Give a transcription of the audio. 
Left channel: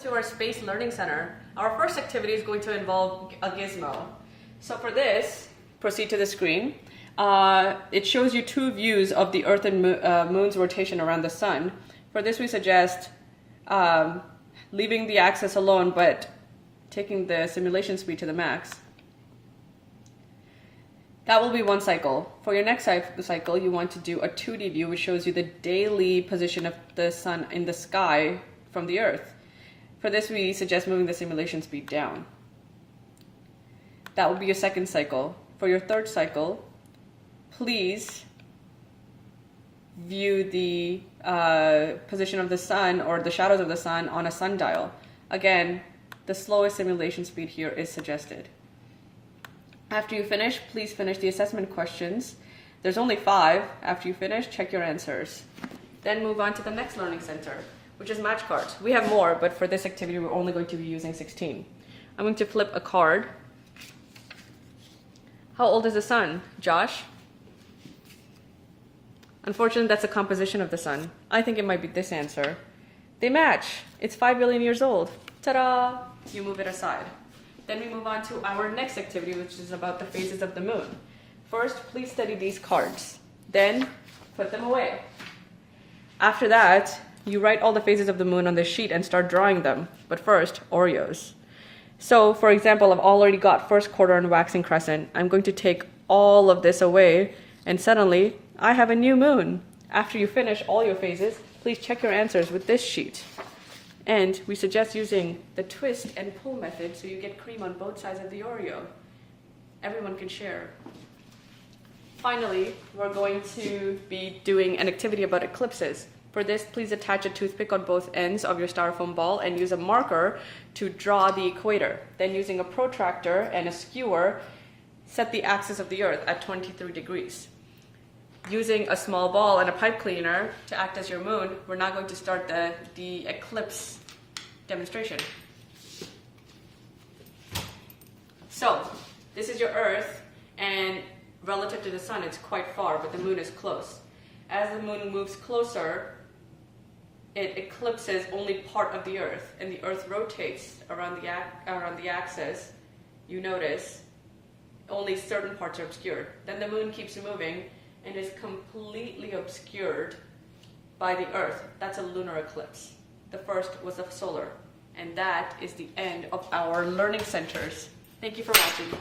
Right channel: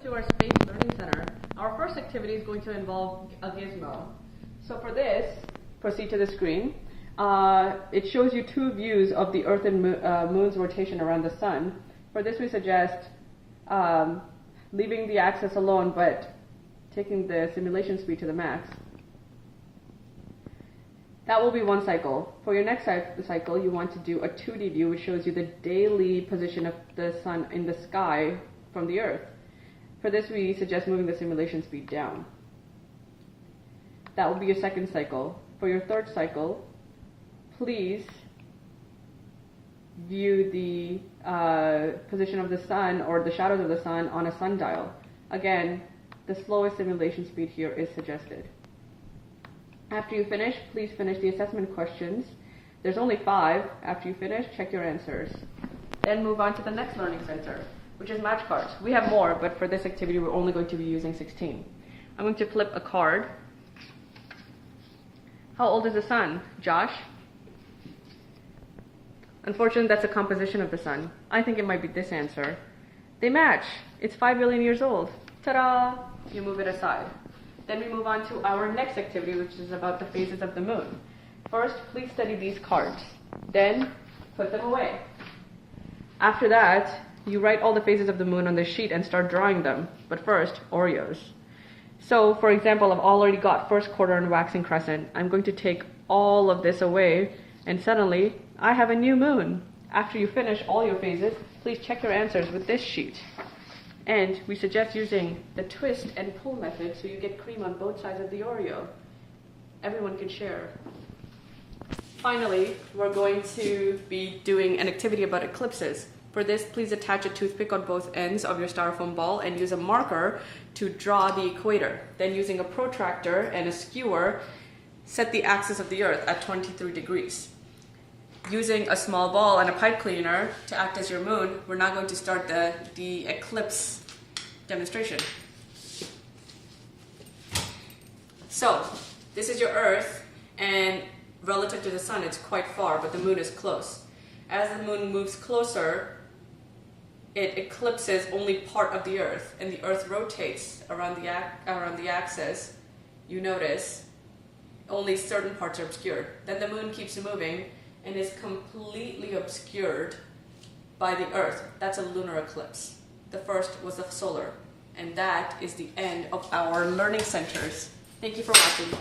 To our Space Learning Center. Our first activity is going to involve a gizmo. So for this, proceed to the screen. It shows you two views of the Earth and Moon's rotation around the Sun. For this, we suggest leaving the axis alone, but taking the simulation speed to the max. That will be one cycle. For your next cycle, you want to do a 2D view, which shows you the daily position of the Sun in the sky from the Earth. For this, we suggest moving the simulation speed down. That will be your second cycle. For your third cycle, please view the position of the Sun or the shadows of the Sun on a sundial. Again, the slowest simulation speed here is suggested. After you finish, please finish the assessment questions. There's only 5. After you finish, check your answers. Then move on to the next learning center, which is match cards. We have more, but for this activity, we're only going to be using 16. I'm going to flip a card. How old is the Sun? Josh? Unfortunately, that's a composition of the Sun. I think it might be this answer. They match. It's 5 billion years old. Ta-da! You move it aside. Then we move on to our next activity, which is about the phases of the Moon. First, please study these cards. Then, put them away. After that, you write all the phases of the Moon on the sheet and start drawing them. But first, Oreos. So, for example, I've already got first quarter and waxing crescent. I'm going to take all of this away, and suddenly, I have a new moon. After you finish all your phases, please check your answers with this sheet. And we suggest using the twist and pull method so you get cream on both sides of the Oreo. Everyone can share. Finally, we're going to be doing an activity about eclipses. For this, please attach a toothpick on both ends of your styrofoam ball and use a marker to draw the equator. Then using a protractor and a skewer, set the axis of the Earth at 23 degrees. Using a small ball and a pipe cleaner to act as your moon, we're now going to start the eclipse demonstration. So, this is your Earth, and relative to the Sun, it's quite far, but the moon is close. As the moon moves closer, it eclipses only part of the Earth, and the Earth rotates around the axis. You notice only certain parts are obscured. Then the moon keeps moving and is completely obscured by the Earth. That's a lunar eclipse. The first was a solar. And that is the end of our learning centers. Thank you for watching.